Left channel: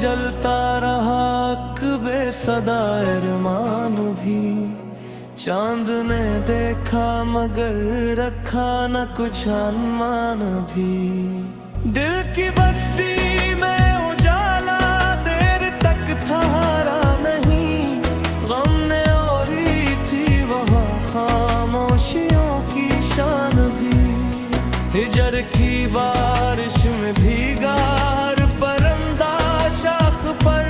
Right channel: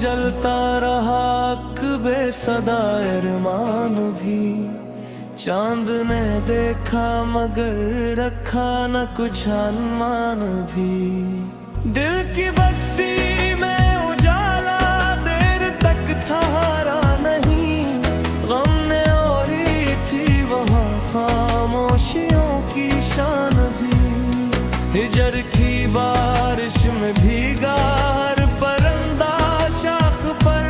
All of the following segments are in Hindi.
जलता रहा कबे सदा अरमान भी। चांद ने देखा मगर रखा न कुछ अनुमान भी। दिल की बस्ती में उजाला देर तक ठहरा नहीं। गम ने ओढ़ी थी वहाँ खामोशियों की शान भी। हिजर की बारिश में भीगा हर परिंदा शाख पर।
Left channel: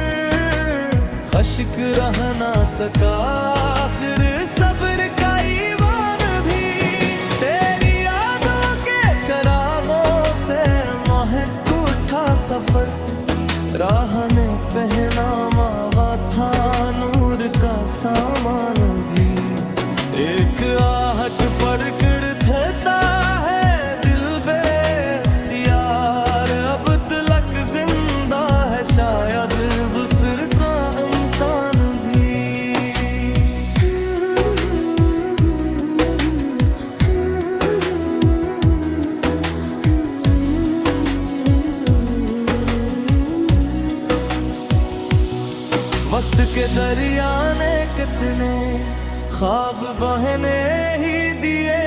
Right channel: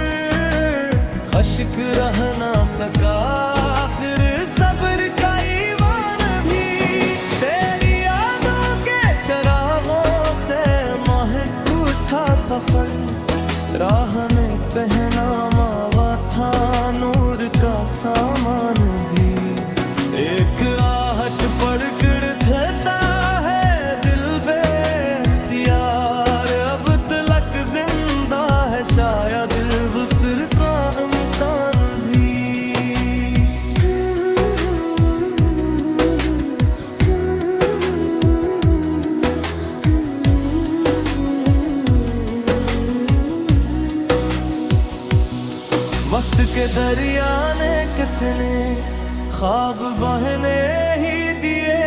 खश्क रह ना सका आखिर सब्र का ईमान भी। तेरी यादों के चरागों से महक उठा सफर। राह ने पहना मावा था नूर का सामान भी। एक आहट पड़कर देता है दिल बेख्तियार। अब तलक जिंदा है शायद वुस्र का इम्कान भी। वक्त के दरिया ने कितने ख्वाब बहने ही दिए।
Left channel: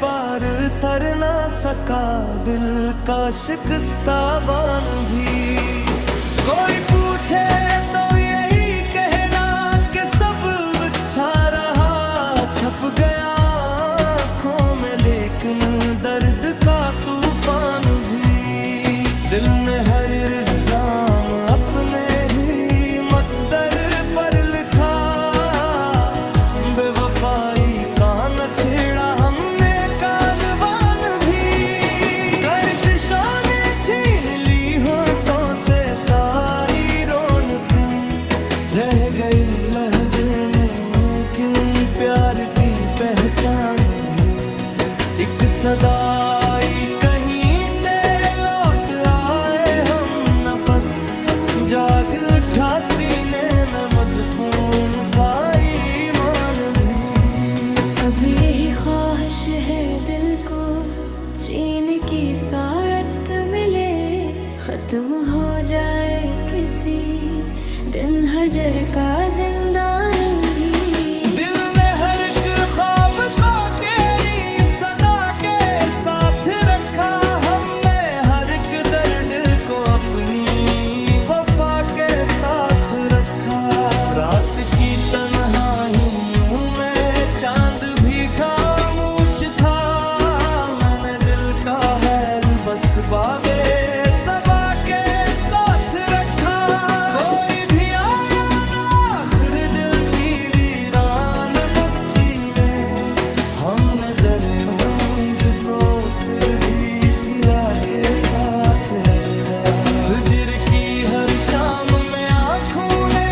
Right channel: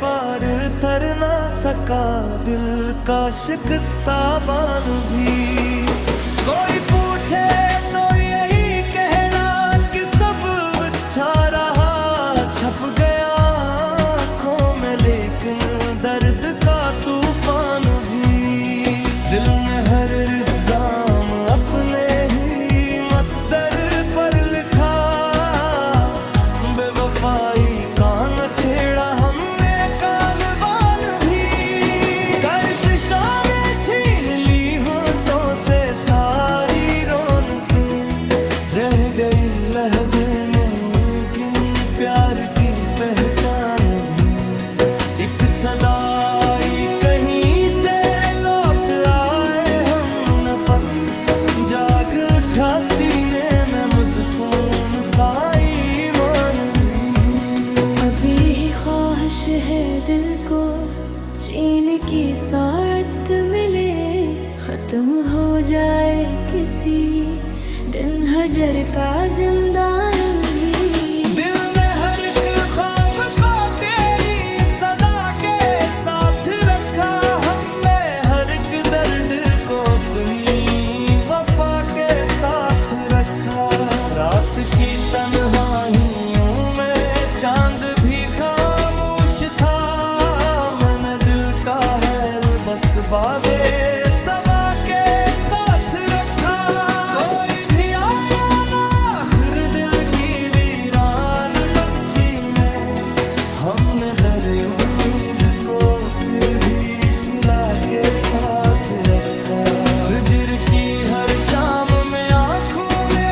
पार तर ना सका दिल का शिकस्ता बान भी। कोई पूछे तो यही कहना कि सब अच्छा रहा। छप गया आँखों में लेकिन दर्द का तूफान भी। दिल में हर इल्जाम अपने ही मकदर पर लिखा। बेवफाई का न छेड़ा हमने कानवान भी। गर्दिशों ने छीन ली होठों से सारी रौनकें। रह गई लहजे में किन प्यार की पहचान भी। एक सदाई कहीं से लौट आए हम नफस। जाग उठा सीने में मदफून साई मान भी। अब यही ख्वाहिश है दिल को चैन की सारत मिले। खत्म हो जाए किसी दिन हजर का जिंदान भी। दिल ने हर एक ख्वाब को तेरी सदा के साथ रखा। हमने हर एक दर्द को अपनी वफा के साथ रखा। रात की तन्हाइयों में चांद भी खामोश था। मैंने दिल का हैल बस बाबे सबा के साथ रखा। कोई भी आया ना आखिर दिल की वीरान बस्ती में। हमने दर उम्मीद को फिर भी खिला के साथ रखा। हिजर की हर शाम में आँखों ने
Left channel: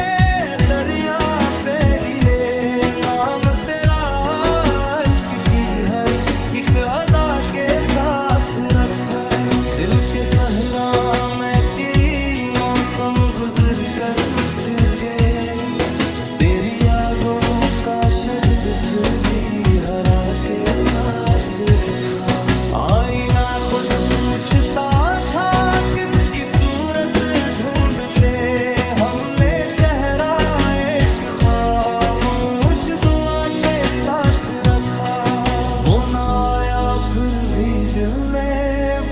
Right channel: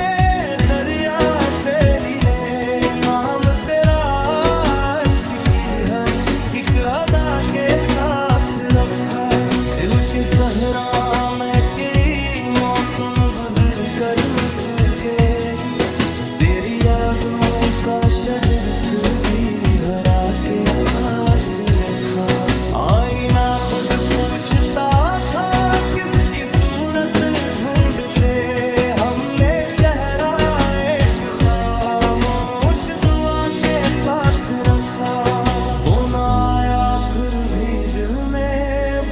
दरिया पे लीले। नाम तेरा इश्क की हर एक अदा के साथ रखा। दिल के सहरा में कई मौसम गुजर कर मिट गए। तेरी यादों का शजर फिर भी हरा के साथ रखा। आईना खुद पूछता था किसकी सूरत ढूंढते। हमने चेहरा एक खामोश दुआ के साथ रखा। वो ना आया फिर भी दिल ने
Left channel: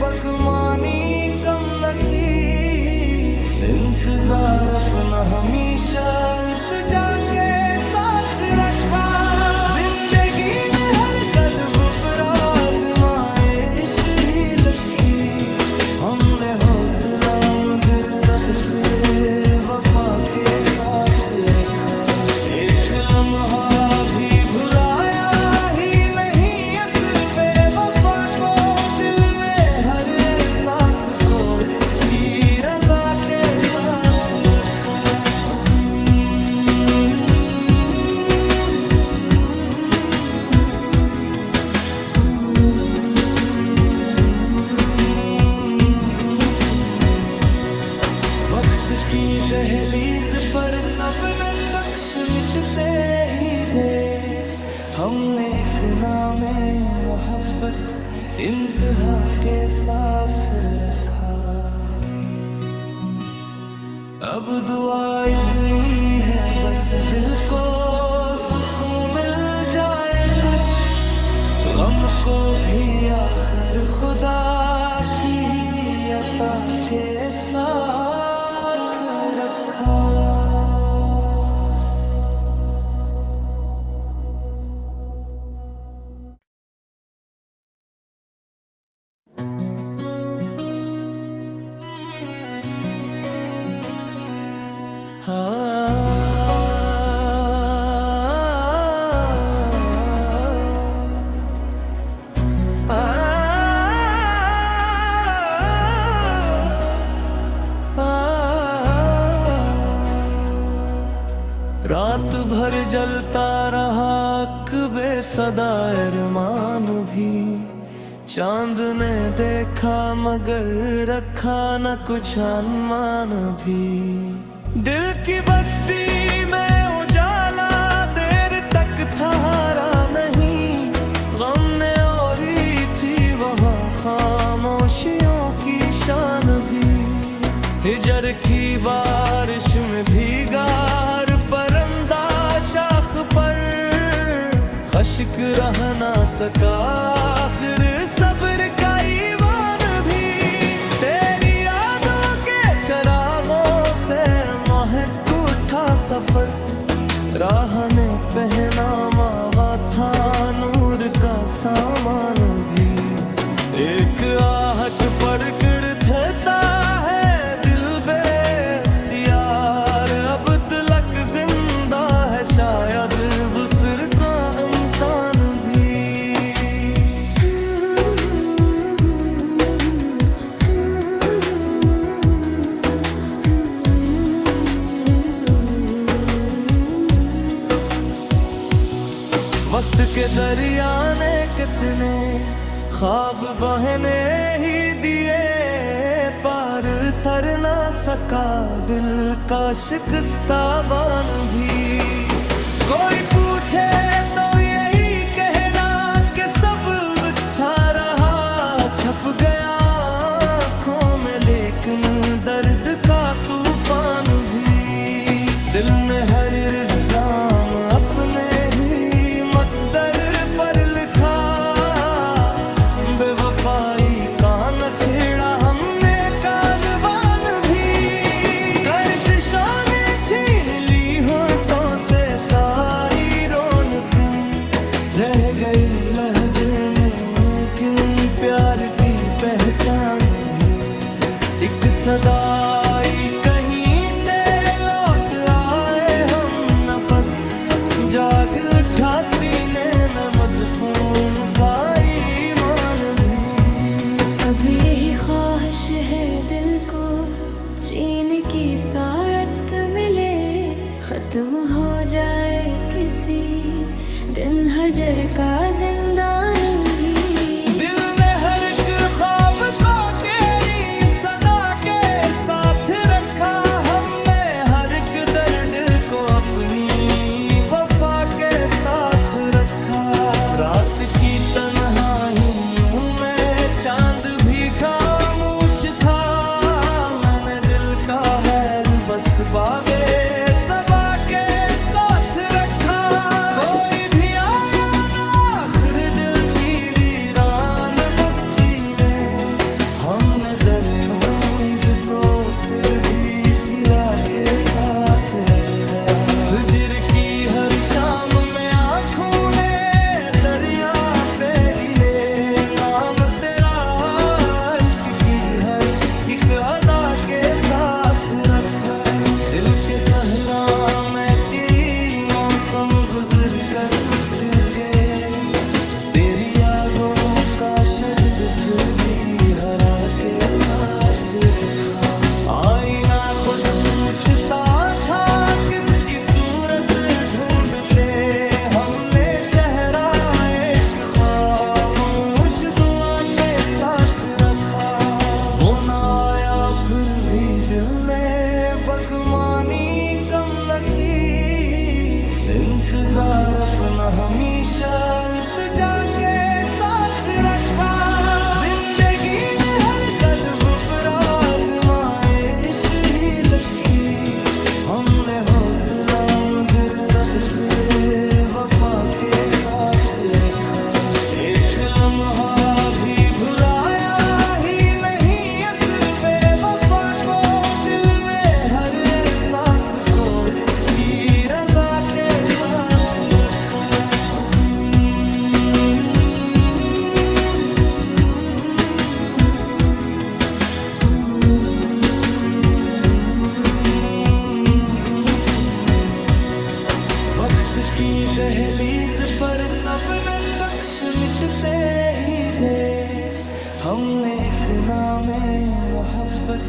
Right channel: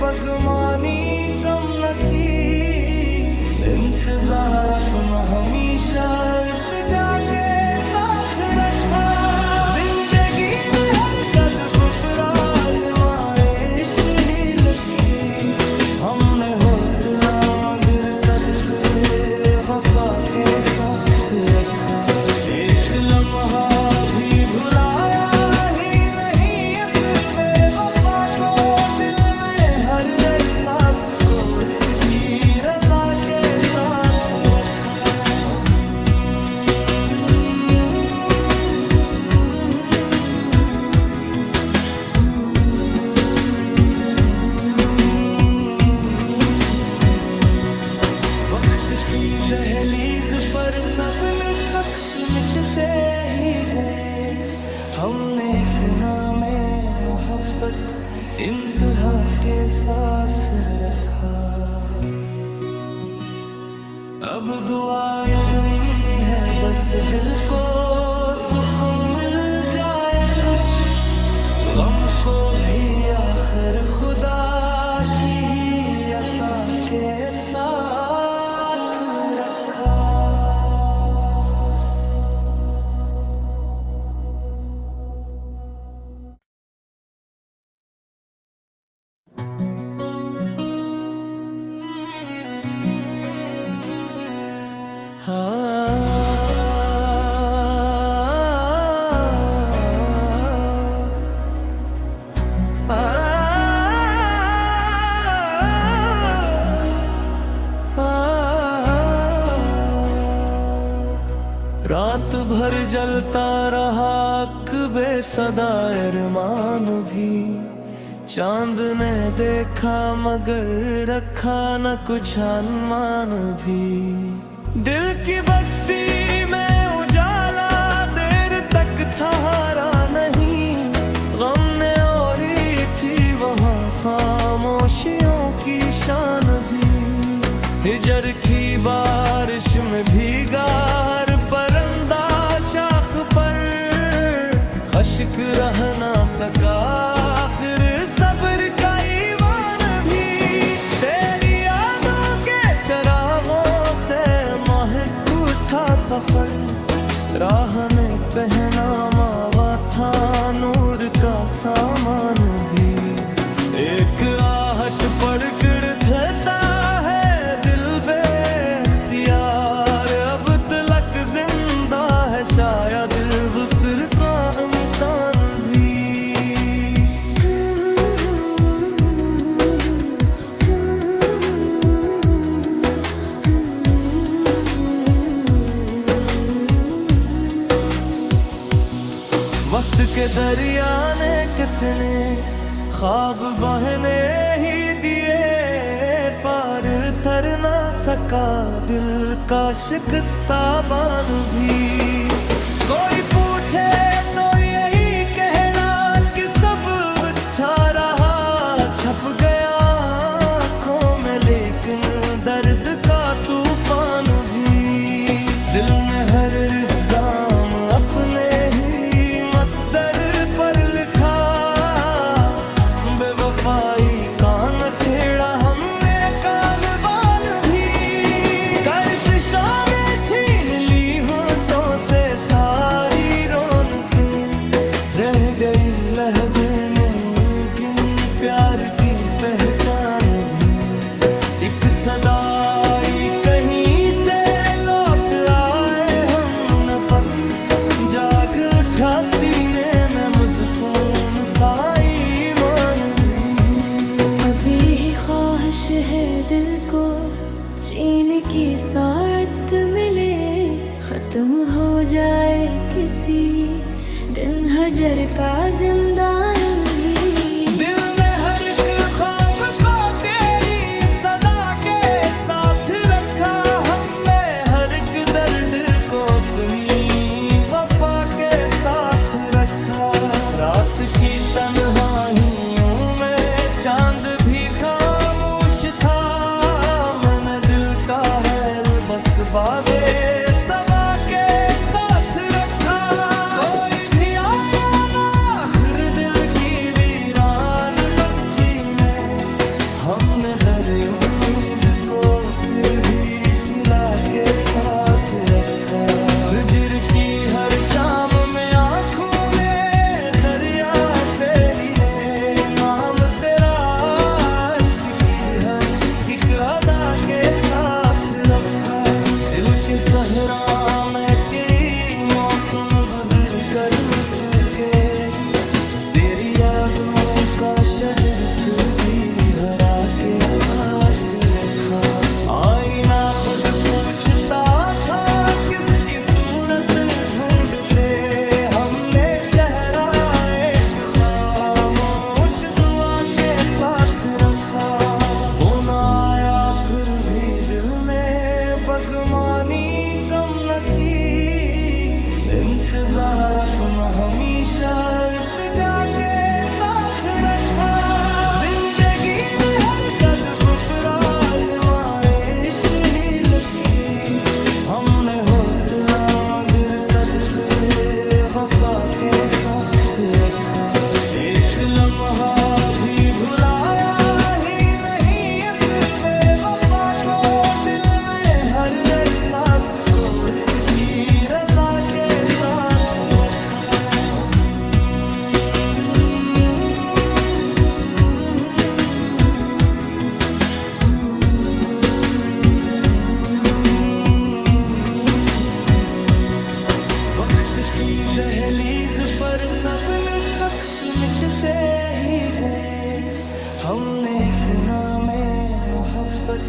बगमानी कम न की। इंतजार अपना हमेशा इल्तिजा के साथ रखा। जिंदगी में हर कदम पर आज़माइश ही लगी। हमने हौसला मगर सदके वफा के साथ रखा। एक लम्हा भी भुलाया ही नहीं इस बेवफा को। दिल में हर एहसास को इसकी रजा के साथ रखा। वक्त की दहलीज पर सब नक्श मिटते ही गए। हमने एक नामे मोहब्बत इंतहा के साथ रखा। अब दुआ इतनी है बस दिल को सुकून मिल जाए कुछ, गम को भी आखिर खुदा की ही अता के साथ रखा। रात भर जलता रहा बेसदा अरमान भी, चांद ने देखा मगर रखा न कुछ अनुमान भी। दिल की बस्ती में उजाला देर तक ठहरा नहीं, गम ने ओढ़ी थी वहाँ खामोशियों की शान भी। हिजर की बारिश में भीगा हर परिंदा शाख पर, खश्क रह ना सका आखिर सब्र का ईमान भी। तेरी यादों के चरागों से महक उठा सफर, राह ने पहना मावा था नूर का सामान भी। एक आहट पड़कर देता है दिल बेख्तियार, अब तलक जिंदा है शायद वुस्र का इम्कान भी। वक्त के दरिया ने कितने ख्वाब बहने ही दिए, पार तर ना सका दिल का शिकस्ता बान भी। कोई पूछे तो यही कहना कि सब अच्छा रहा, छप गया आँखों में लेकिन दर्द का तूफान भी। दिल में हर इल्जाम अपने ही मकदर पर लिखा, बेवफाई का न छेड़ा हमने कानवान भी। गर्दिशों ने छीन ली होठों से सारी रौनकें, रह गई लहजे में किन प्यार की पहचान भी। एक सदाई कहीं से लौट आए हम नफस, जाग उठा सीने में मदफून साई ईमान भी। अब यही ख्वाहिश है दिल को चैन की सारत मिले, खत्म हो जाए किसी दिन हजर का जिंदान भी। दिल ने हर एक ख्वाब को तेरी सदा के साथ रखा, हमने हर एक दर्द को अपनी वफा के साथ रखा। रात की तन्हाइयों में चांद भी खामोश था, मैंने दिल का हैल बस बादे सबा के साथ रखा। कोई भी आया ना आखिर दिल की वीरान बस्ती में, हमने दर उम्मीद को फिर भी खिला के साथ रखा। हिजर की हर शाम में आँखों ने दरिया पे लीले, नाम तेरा इश्क की हर एक अदा के साथ रखा। दिल के सहरा में कई मौसम गुजर कर मिट गए, तेरी यादों का शजर फिर भी हरा के साथ रखा। आईना खुद पूछता था किसकी सूरत ढूंढते, हमने चेहरा एक खामोश दुआ के साथ रखा। वो ना आया फिर भी दिल ने बगमानी कम न की, इंतजार अपना हमेशा इल्तिजा के साथ रखा। जिंदगी में हर कदम पर आज़माइश ही लगी, हमने हौसला मगर सदके वफा के साथ रखा। एक लम्हा भी भुलाया ही नहीं इस बेवफा को, दिल में हर एहसास को इसकी रजा के साथ रखा। वक्त की दहलीज पर सबन कक्ष मिटते ही गए, हमने एक नामे मोहब्बत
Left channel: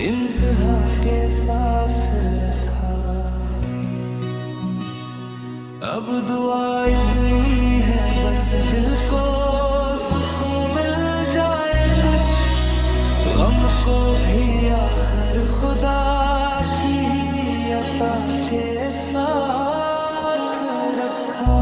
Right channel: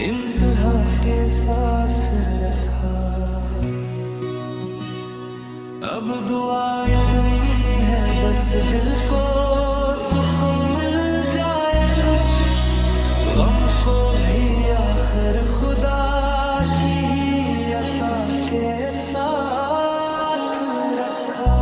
इंतहा के साथ रखा। अब दुआ इतनी है बस दिल को सुकून मिल जाए कुछ, गम को भी आखिर खुदा की ही अता के साथ रखा।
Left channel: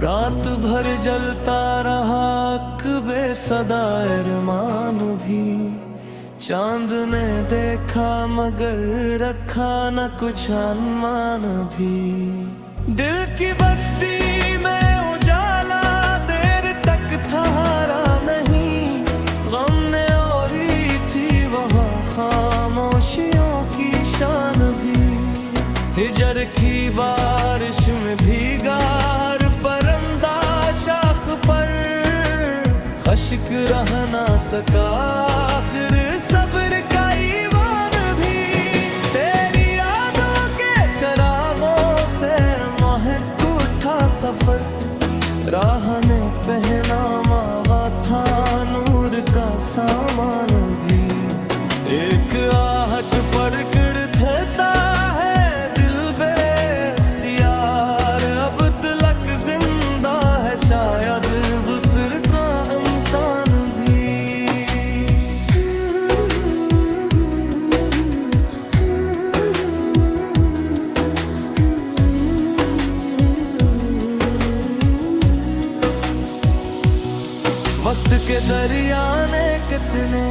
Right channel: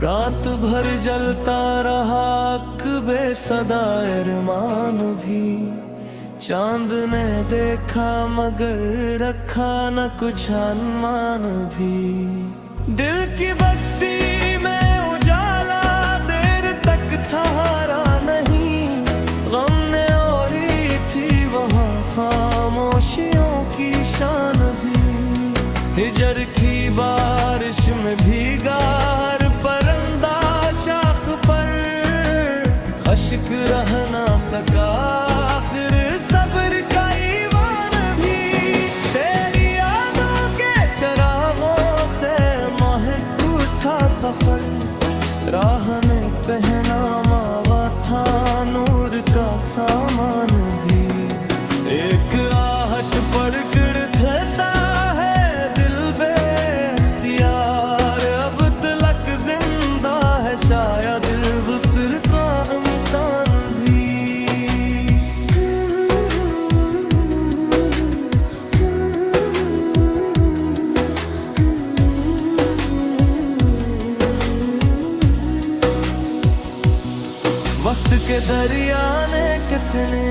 रात भर जलता रहा अक़बे सदा अरमान भी, चांद ने देखा मगर रखा न कुछ अनुमान भी। दिल की बस्ती में उजाला देर तक ठहरा नहीं, गम ने ओढ़ी थी वहाँ खामोशियों की शान भी। हिजर की बारिश में भीगा हर परिंदा शाख पर, खश्क रह ना सका आखिर सब्र का ईमान भी। तेरी यादों के चरागों से महक उठा सफर, राह ने पहना मावा था नूर का सामान भी। एक आहट पड़कर देता है दिल बेख्तियार, अब तलक जिंदा है शायद वुस्र का इम्कान भी। वक्त के दरिया ने कितने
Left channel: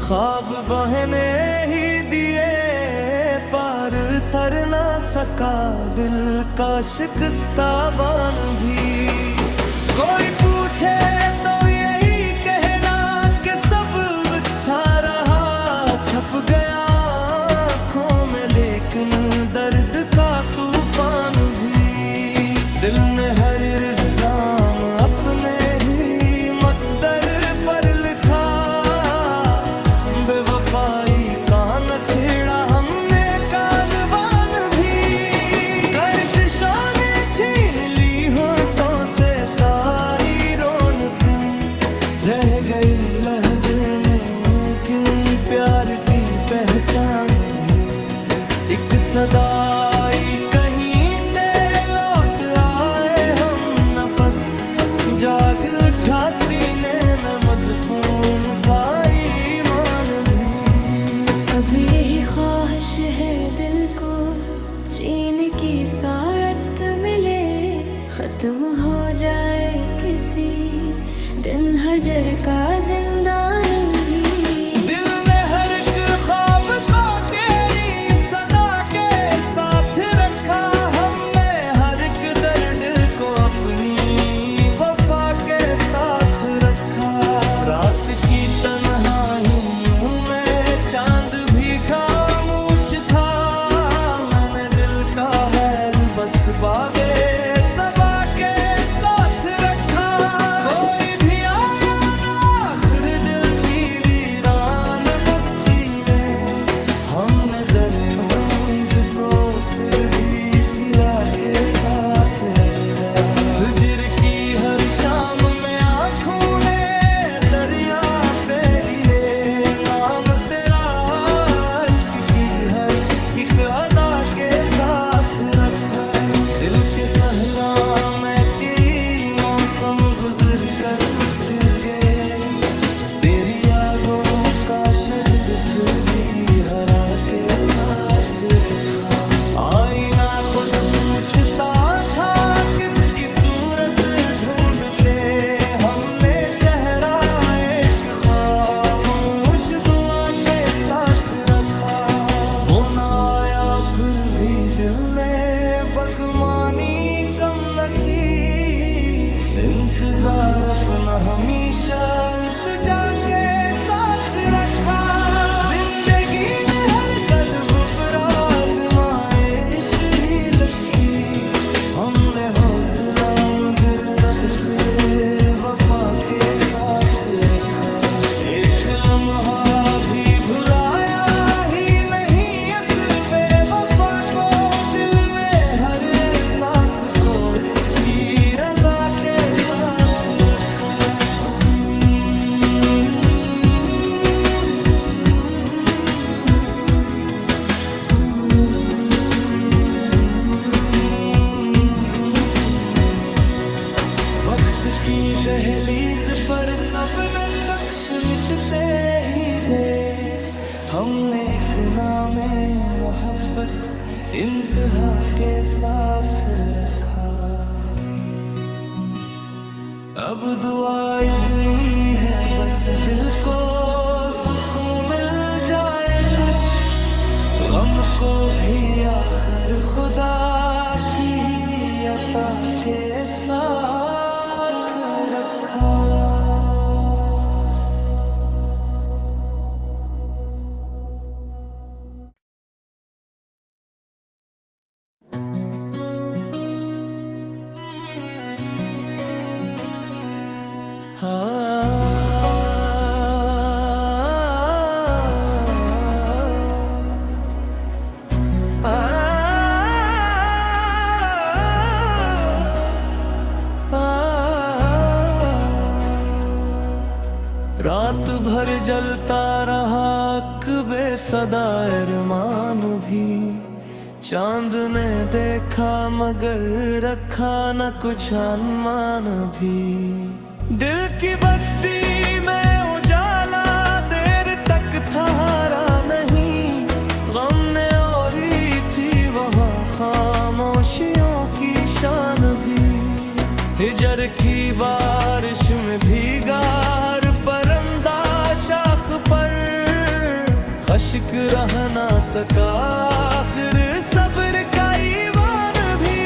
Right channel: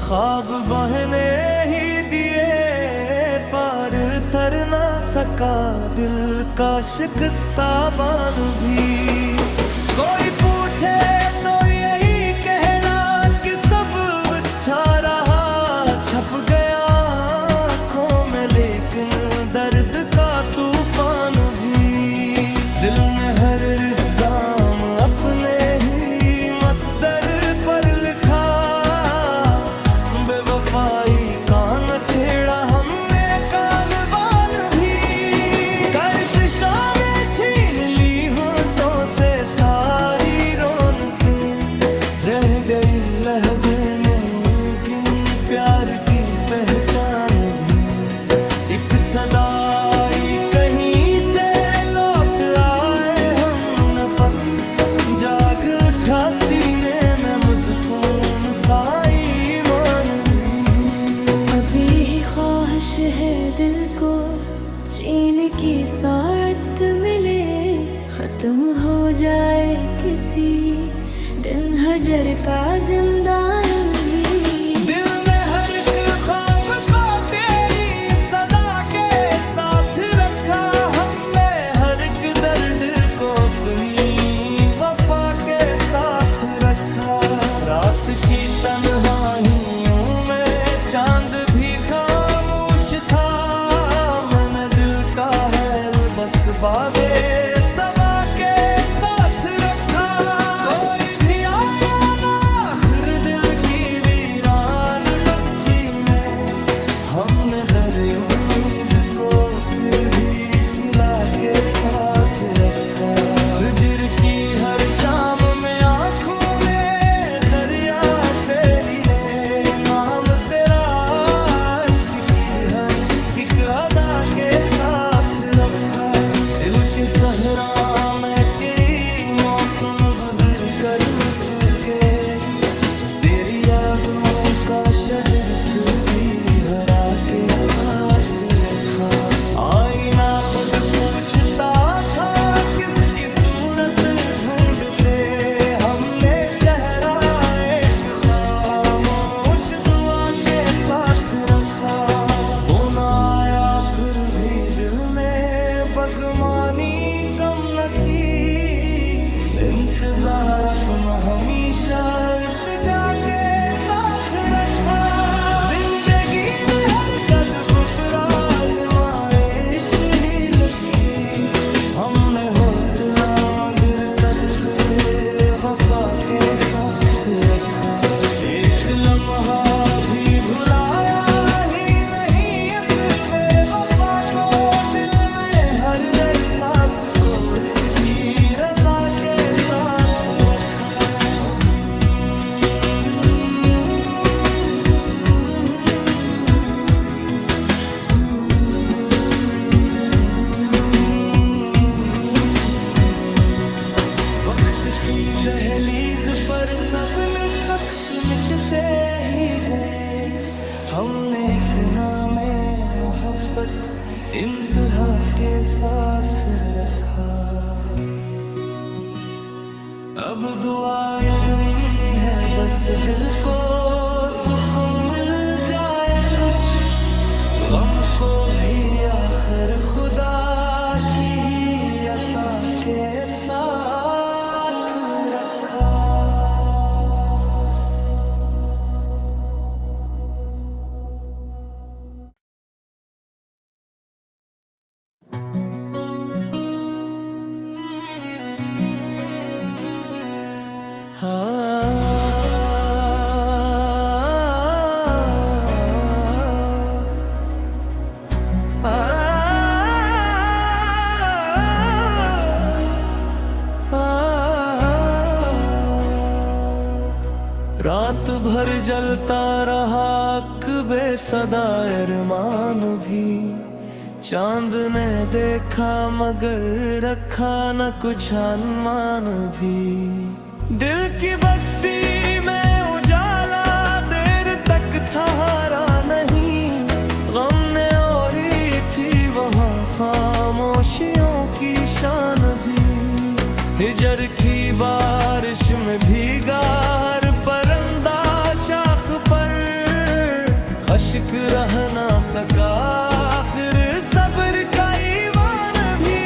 ख्वाब बहने ही दिए, पार तर ना सका दिल का शिकस्ता बान भी। कोई पूछे तो यही कहना कि सब अच्छा रहा, छप गया आँखों में लेकिन दर्द का तूफान भी। दिल में हर इल्जाम अपने ही मकदर पर लिखा, बेवफाई का न छेड़ा हमने कानवान भी। गर्दिशों ने छीन ली होठों से सारी रौनकें, रह गई लहजे में किन प्यार की पहचान भी। एक सदाई कहीं से लौट आए हम नफस, जाग उठा सीने में मदफून साई ईमान भी। अभी ही ख्वाहिश है दिल को चैन की सारत मिले, खत्म हो जाए किसी दिन हजर का जिंदान भी। दिल में हर एक ख्वाब को तेरी सदा के साथ रखा, हमने हर एक दर्द को अपनी वफा के साथ रखा। रात की तन्हाइयों में चांद भी खामोश था, मैंने दिल का हैल बस बाबे सबा के साथ रखा। कोई भी आया ना आखिर दिल की वीरान बस्ती में, हमने दर उम्मीद को फिर भी खिला के साथ रखा। हिजर की हर शाम में आँखों ने दरिया पे ली ले, नाम तेरा इश्क की हर दिल के सहरा में कई मौसम गुजर कर मिट गए, तेरी यादों का शजर फिर भी हरा के साथ रखा। आईना खुद पूछता था किसकी सूरत ढूंढते, हमने चेहरा एक खामोश दुआ के साथ रखा। वो ना आया फिर भी दिल ने बगमानी कम न की, इंतजार अपना हमेशा इल्तिजा के साथ रखा। जिंदगी ने हर कदम पर आज़माइश ही रखी, हमने हौसला मगर सदके वफा के साथ रखा। एक लम्हा भी भुलाया ही नहीं इस बेवफा को, दिल में हर एहसास को इसकी रजा के साथ रखा। वक्त की दहलीज पर सब नक्श मिटते ही गए, हमने एक नामे मोहब्बत इंतहा के साथ रखा। अब दुआ इतनी है बस दिल को सुकून मिल जाए कुछ, गम को भी आखिर खुदा की ही अता के साथ रखा। रात भर जलता रहा बेसदा अरमान भी, चांद ने देखा मगर रखा न कुछ अनुमान भी। दिल की बस्ती में उजाला देर तक ठहरा नहीं, गम ने ओढ़ी थी वहाँ खामोशियों की शान भी। हिजर की बारिश में भीगा हर परिंदा शाख पर, खश्क रह ना सका आखिर सब्र का ईमान भी।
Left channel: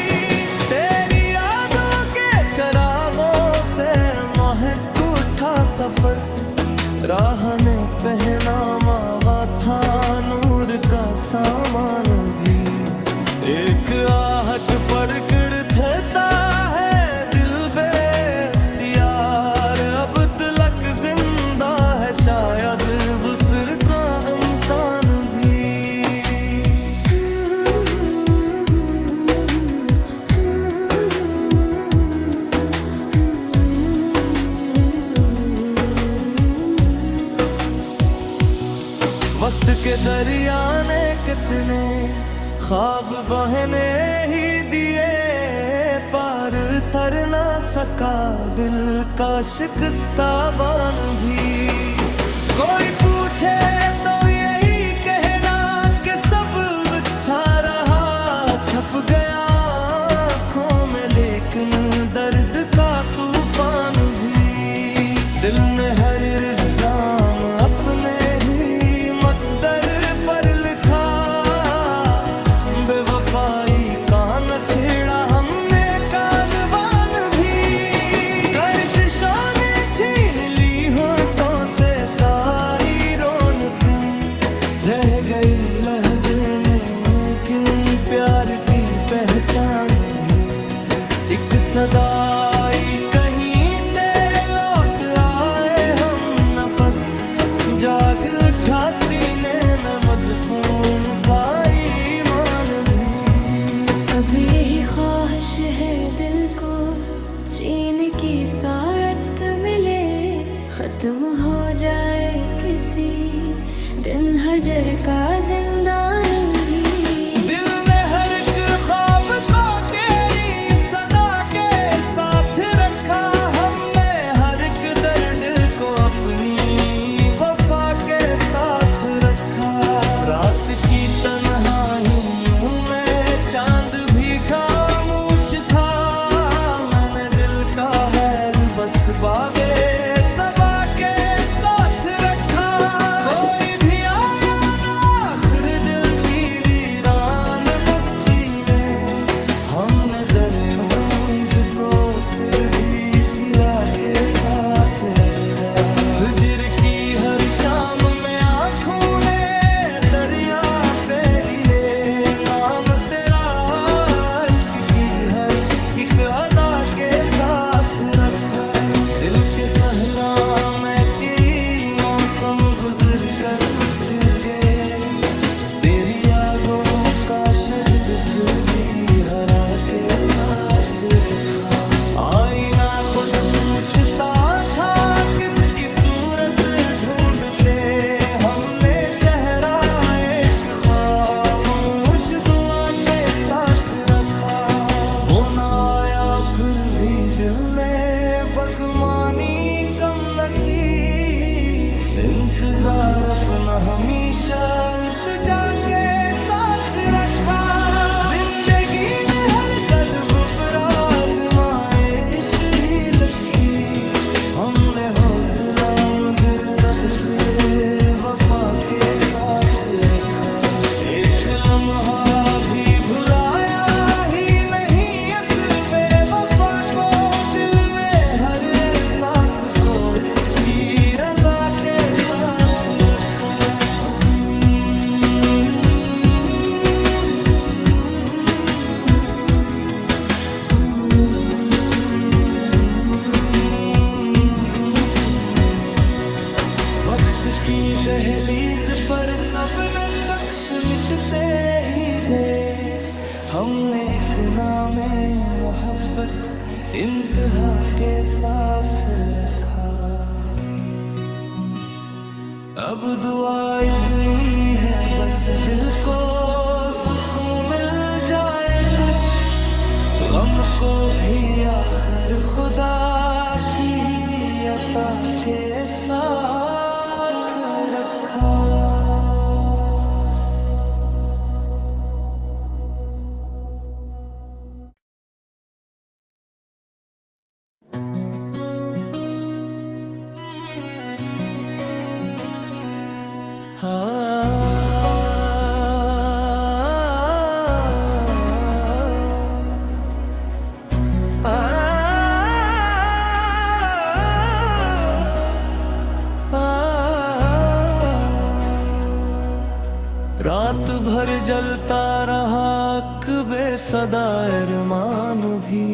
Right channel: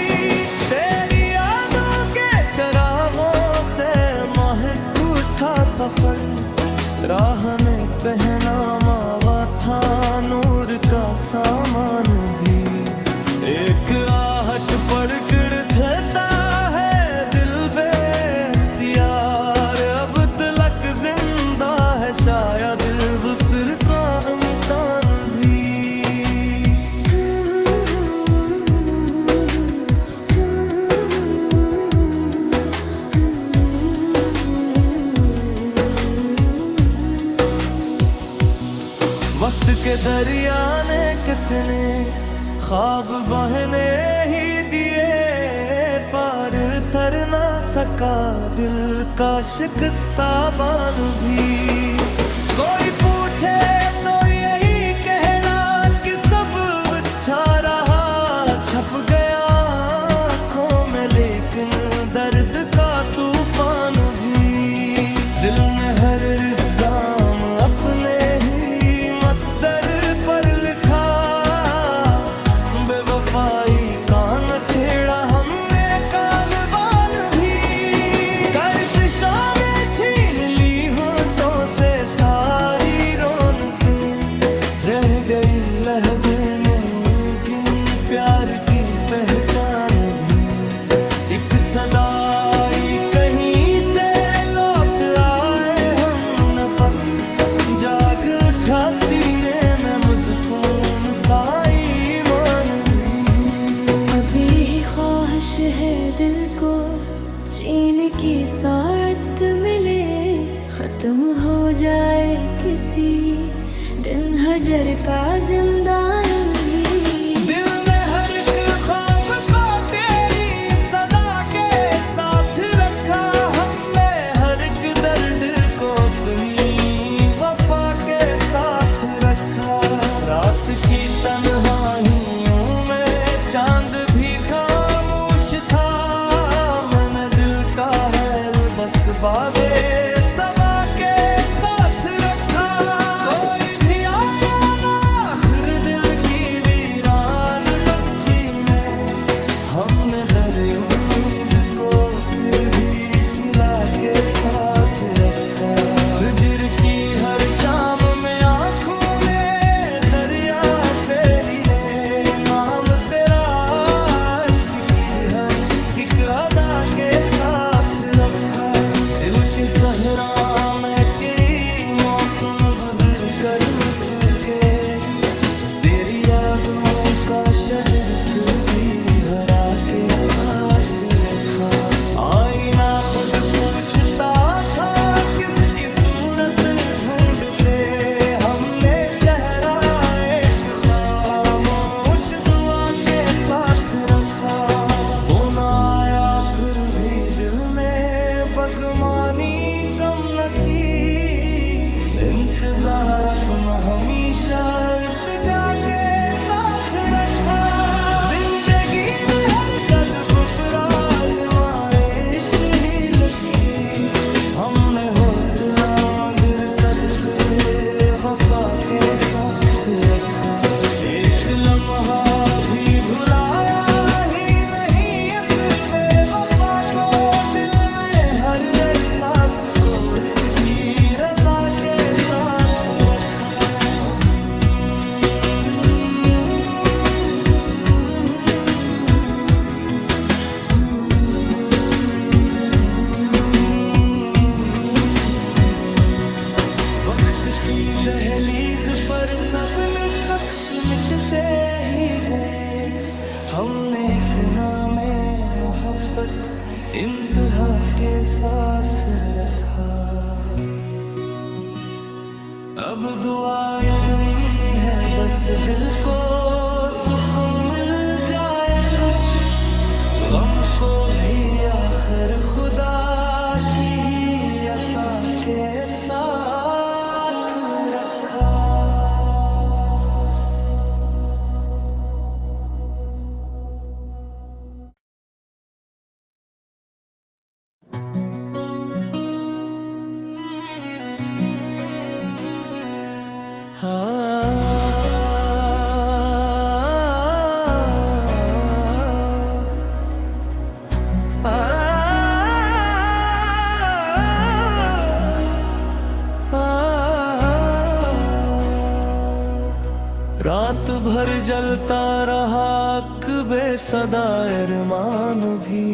तेरी यादों के चरागों से महक उठा सफर, राह ने पहना मावा था नूर का सामान भी। एक आहट पड़कर देता है दिल बेख्तियार, अब तलक जिंदा है शायद वुस्र का इम्कान भी। वक्त के दरिया ने कितने ख्वाब बहने ही दिए, पार तर ना सका दिल का शिकस्ता बान भी। कोई पूछे तो यही कहना कि सब अच्छा रहा, छप गया आँखों में लेकिन दर्द का तूफान भी। दिल में हर इल्जाम अपने ही मकदर पर लिखा, बेवफाई का न छेड़ा हमने कानवान भी। गर्दिशों ने छीन ली होठों से सारी रौनकें, रह गई लहजे में किन प्यार की पहचान भी। एक सदाई कहीं से लौट आए हम नफस, जाग उठा सीने में मदफून साई मान भी। अब यही ख्वाहिश है दिल को चीन की सारत मिले, खत्म हो जाए किसी दिन हजर का जिंदान भी। दिल में हर एक ख्वाब को तेरी की तन्हाइयों में चांद भी खामोश था। मैंने दिल का हैल बस बादे सबा के साथ रखा। कोई भी आया ना आखिर दिल की वीरान बस्ती में, हमने दर उम्मीद को फिर भी खिला के साथ रखा। हिजर की हर शाम में आंखों ने दरिया पे लीले नाम तेरा, इश्क की हर एक अदा के साथ रखा। दिल के सहरा में कई मौसम गुजर कर मिट गए, तेरी यादों का शजर फिर भी हरा के साथ रखा। आईना खुद पूछता था किसकी सूरत ढूंढते, हमने चेहरा एक खामोश दुआ के साथ रखा। वो ना आया फिर भी दिल ने बगमानी कम न की, इंतजार अपना हमेशा इत्तेजा के साथ रखा। जिंदगी में हर कदम पर आज़माइश ही लगी, हमने हौसला मगर सदके वफा के साथ रखा। एक लम्हा भी भुलाया ही नहीं इस बेवफा को, दिल में हर एहसास को इसकी रजा के साथ रखा। वक्त की दहलीज पर सब नक्श मिटते ही गए, हमने एक नामे मोहब्बत इंतहा के साथ रखा। अब दुआ इतनी है बस दिल को सुकून मिल जाए कुछ, गम को भी आखिर खुदा की ही अता के साथ रखा। रात भर जलता रहा बेसदा अरमान भी,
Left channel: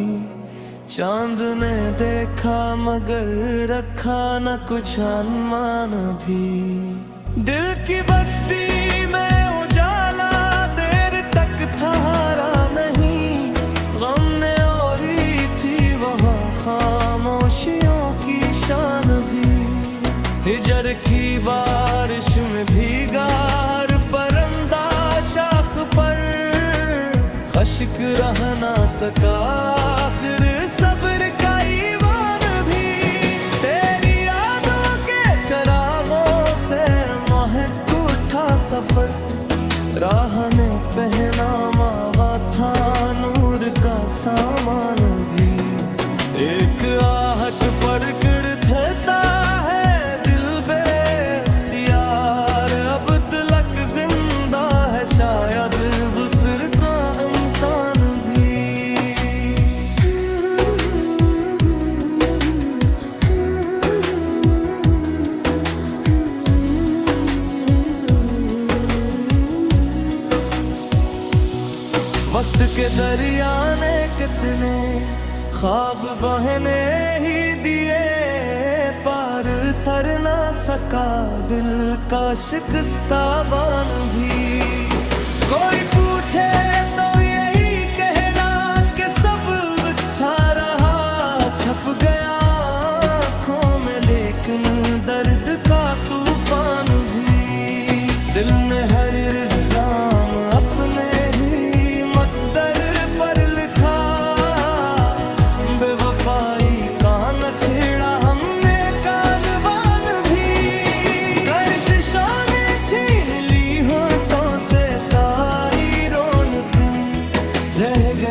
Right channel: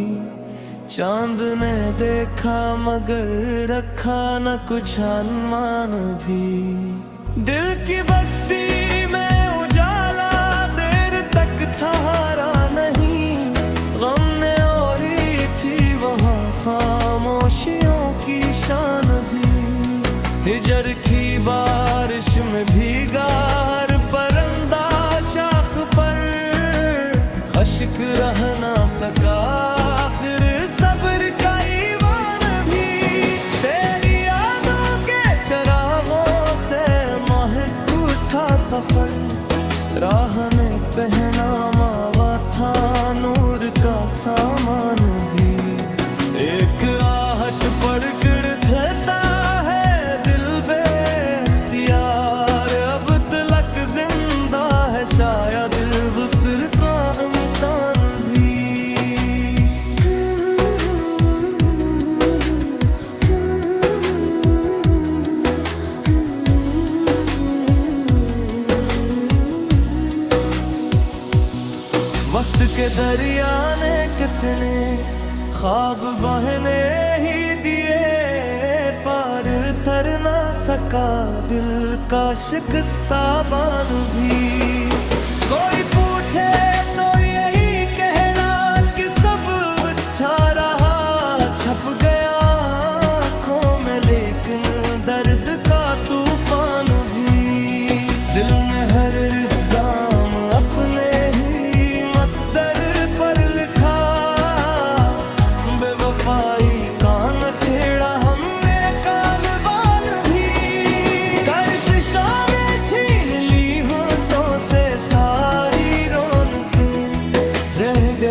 चांद ने देखा मगर रखा न कुछ अनुमान भी। दिल की बस्ती में उजाला देर तक था हारा नहीं, गम ने ओढ़ी थी वहाँ खामोशियों की शान भी। हिजर की बारिश में भीगा हर परिंदा शाख पर, खश्क रह ना सका आखिर सब्र का ईमान भी। तेरी यादों के चरागों से महक उठा सफर, राह ने पहना मावा था नूर का सामान भी। एक आहट पड़कर देता है दिल बेख्तियार, अब तलक जिंदा है शायद वुस्र का इम्कान भी। वक्त के दरिया ने कितने ख्वाब बहने ही दिए, पार तर ना सका दिल का शिकस्ता बान भी। कोई पूछे तो यही कहना कि सब अच्छा रहा, छप गया आँखों में लेकिन दर्द का तूफान भी। दिल में हर इल्जाम अपने ही मकदर पर लिखा, बेवफाई का न छेड़ा हमने कानवान भी। गर्दिशों ने छीन ली होठों से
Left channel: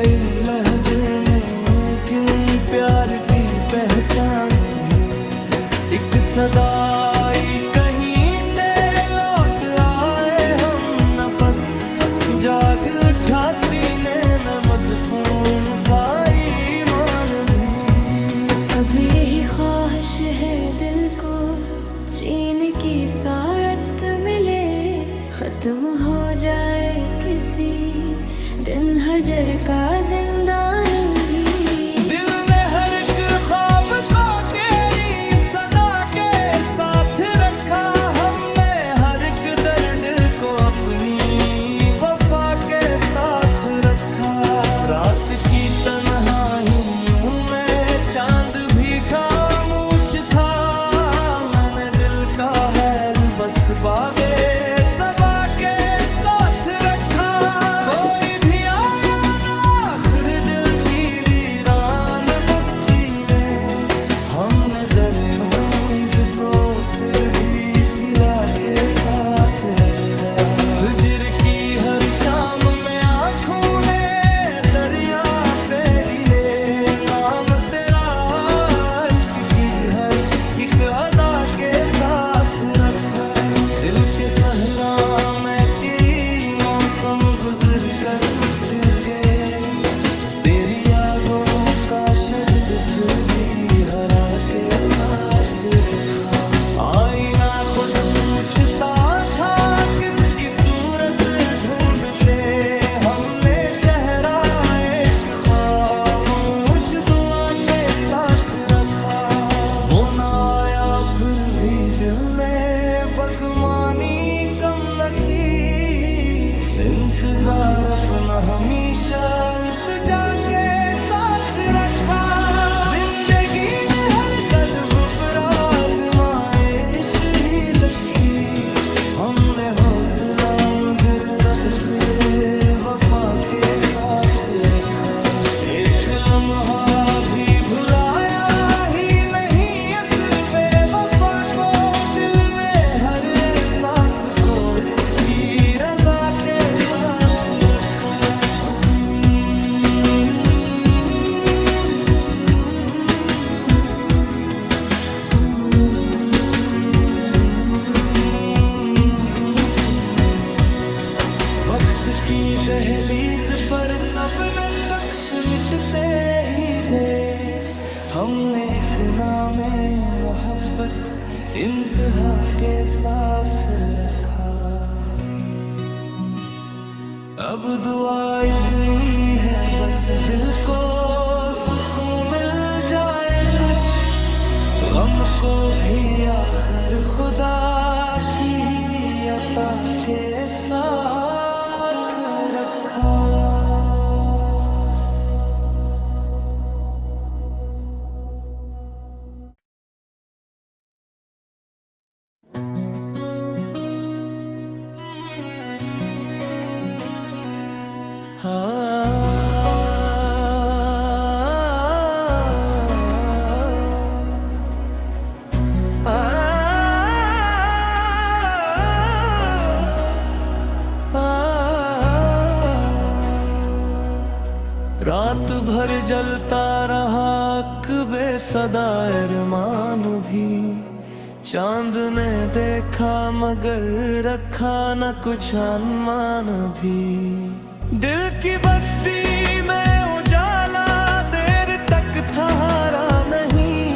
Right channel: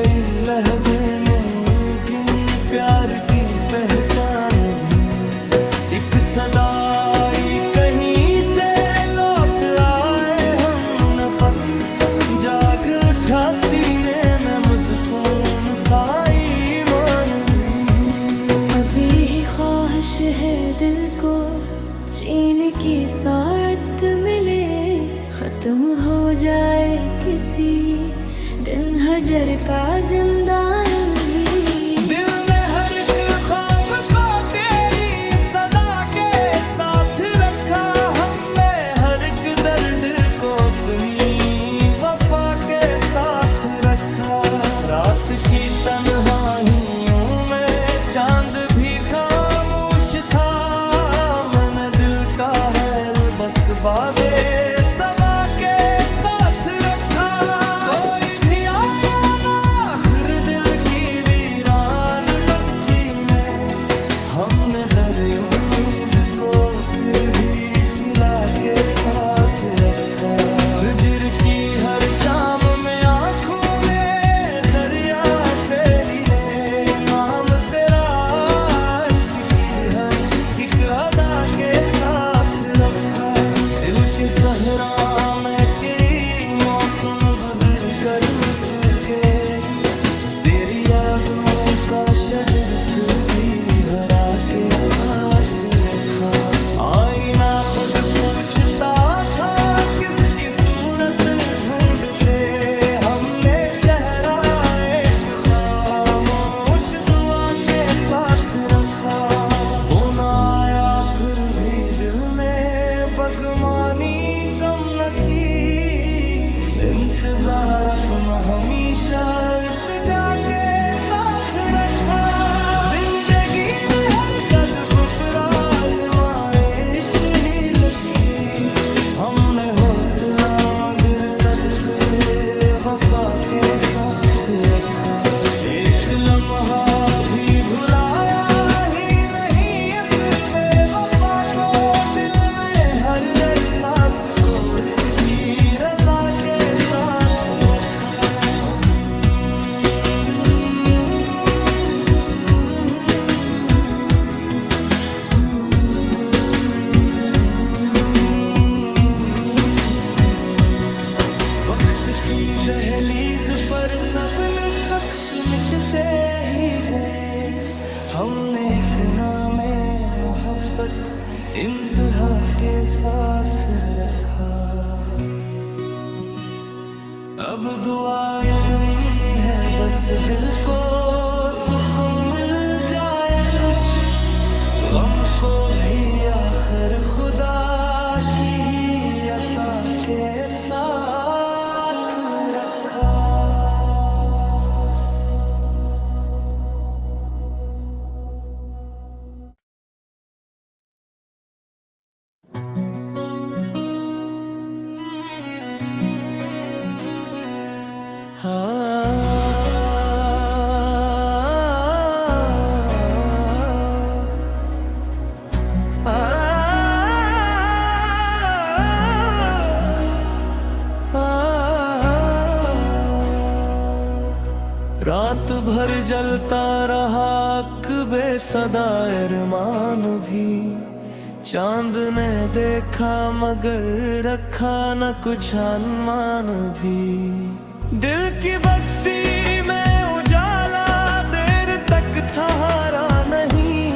गई लहजे में किन प्यार की पहचान भी। एक सदाई कहीं से लौट आए हम नफस, जाग उठा सीने में मदफून सा ईमान भी। अब यही ख्वाहिश है दिल को चीन की सारत मिले, खत्म हो जाए किसी दिन हजर का जिंदान भी। दिल ने हर एक ख्वाब को तेरी सदा के साथ रखा, हमने हर एक दर्द को अपनी वफा के साथ रखा। रात की तन्हाइयों में चांद भी खामोश था, मैंने दिल का हैल बस बादे सबा के साथ रखा। कोई भी आया ना आखिर दिल की वीरान बस्ती में, हमने दर उम्मीद को फिर भी खिला के साथ रखा। हिजर की हर शाम में आंखों ने दरिया पे लीले, नाम तेरा इश्क की हर एक अदा के साथ रखा। दिल के सहरा में कई मौसम गुजर कर मिट गए, तेरी यादों का शजर फिर भी हरा के साथ रखा। आईना खुद पूछता था किसकी सूरत ढूंढते, हमने चेहरा एक खामोश दुआ के साथ रखा। वो ना आया फिर भी दिल ने बगमानी कम न की, इंतजार अपना हमेशा इत्तेजा के साथ रखा। जिंदगी में हर कदम पर आज़माइश ही लगी, हमने हौसला मगर सदके वफा के साथ रखा। एक लम्हा भी भुलाया ही नहीं इस बेवफा को, दिल में हर एहसास को इसकी रजा के साथ रखा। वक्त की दहलीज पर सब नक्श मिटते ही गए, हमने एक नामे मोहब्बत इंतहा के साथ रखा। अब दुआ इतनी है बस दिल को सुकून मिल जाए कुछ, गम को भी आखिर खुदा की ही अता के साथ रखा। रात भर जलता रहा कबे सदा अरमान भी, चांद ने देखा मगर रखा न कुछ अनुमान भी। दिल की बस्ती में उजाला देर तक ठहरा नहीं,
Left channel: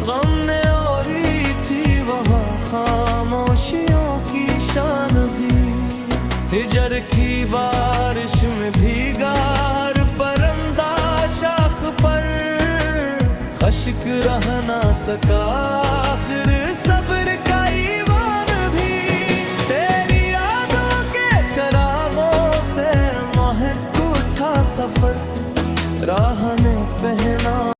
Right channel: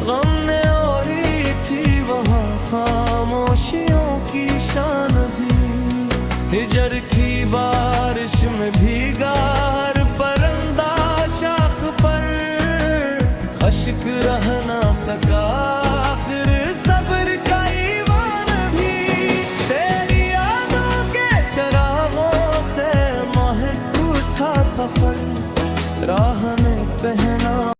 गम ने ओढ़ी थी वहाँ खामोशियों की शान भी। हिजर की बारिश में भीगा हर परिंदा शाख पर, खश्क रह ना सका आखिर सब्र का ईमान भी। तेरी यादों के चरागों से महक उठा सफर, राह ने पहना